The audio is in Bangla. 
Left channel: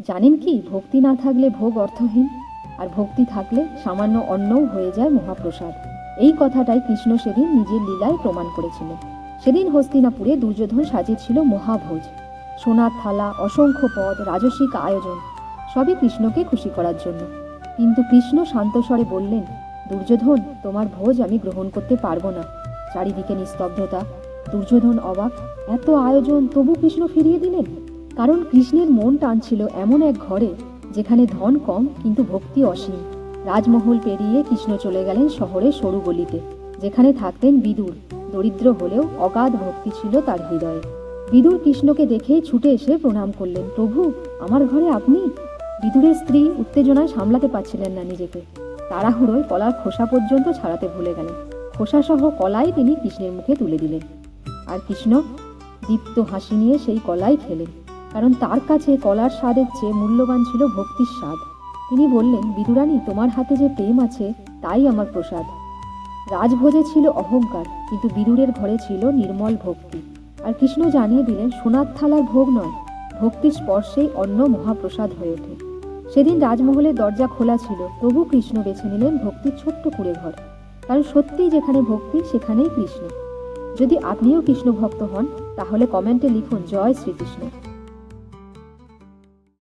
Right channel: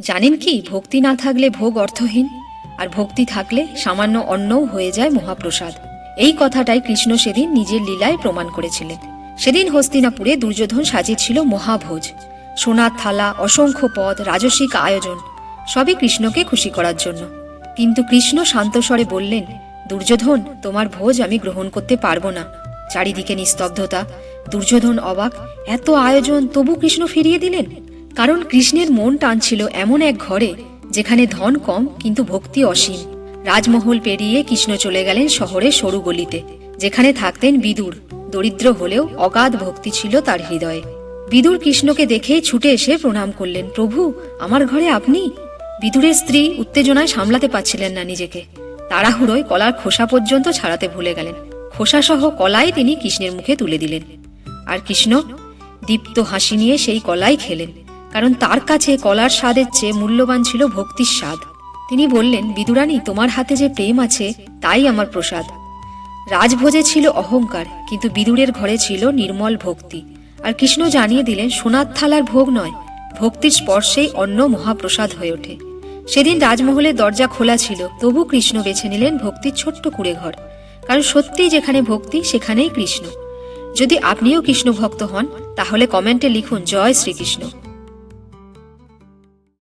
জানেন কি, ভক্তি না থাকলে ভোগ অর্থহীন, আর ভক্তি থাকলে সামান্য অন্নও হয়ে যায় মহাপ্রসাদ। এই কথাটাই কৃষ্ণ সেদিন নিজের লীলায় প্রমাণ করেছিলেন। সেদিন হস্তিনাপুরে দুর্যোধন সাজিয়েছিল মহাভোজ। সোনার থালা, অসংখ্য পদ, রাজসিক আয়োজন, সবই কৃষ্ণকে খুশি করার জন্য। কিন্তু কৃষ্ণ শান্তস্বরে বললেন, দুর্যোধন, তোমার ভোজ আমি গ্রহণ করতে পারব না। চারিদিকে নিস্তব্ধতা। দুর্যোধন অবাক, এত আয়োজন তবু কৃষ্ণ ফিরিয়ে দিলেন? কারণ কৃষ্ণের মন টানছিল এমন এক ঘরে, যেখানে ধন কম কিন্তু ভক্তি অসীম। রাজমহল পেরিয়ে কৃষ্ণ চলে গেলেন শহরের সরু গলিতে, যেখানে থাকতেন বিদুর। দরিদ্র হলেও অগাধ ভক্তি ছিল তার হৃদয়ে। বিদুর কৃষ্ণকে দেখে ছুটে এসে প্রণাম করলেন, প্রভু, আমার ঘরে আপনি? বিদুরের স্ত্রী উত্তেজনায় সামলাতে পারছিলেন না নিজেকে। তাড়াহুড়োয় কলার খোসা পর্যন্ত ছাড়াতে ভুলে গেলেন। খোসাসহ কলাই তিনি কৃষ্ণের মুখে তুলে দিলেন। আর কৃষ্ণ, দীপ্ত হাসি নিয়ে সেই কলাই খেলেন। কারণ তার কাছে কলার স্বাদের চেয়ে মূল্যবান ছিল ভক্তির স্বাদ। তিনি বললেন, বিদুরানী, তোমার হাতে যে প্রেম আছে, তাই আমার প্রসাদ। রাজভোজে ছিল অহংকার, কিন্তু বিদুরের ঘরে ছিল নির্মল ভক্তি। আর কৃষ্ণ জানিয়ে দিলেন, সোনার থালার ভোগ নয়, ভক্তির স্পর্শেই অন্য মহাপ্রসাদ হয়ে ওঠে। সেদিন রাজমহলের দরজা খোলা ছিল, তবু কৃষ্ণ বেছে নিলেন ভক্তির ছোট্ট কুড়ে ঘর কারণ সত্যিই যেখানে ভক্তি, সেখানেই কৃষ্ণ। যদি আপনিও কৃষ্ণ ভক্ত হন, তাহলে কমেন্টে লিখুন, জয় শ্রীকৃষ্ণ।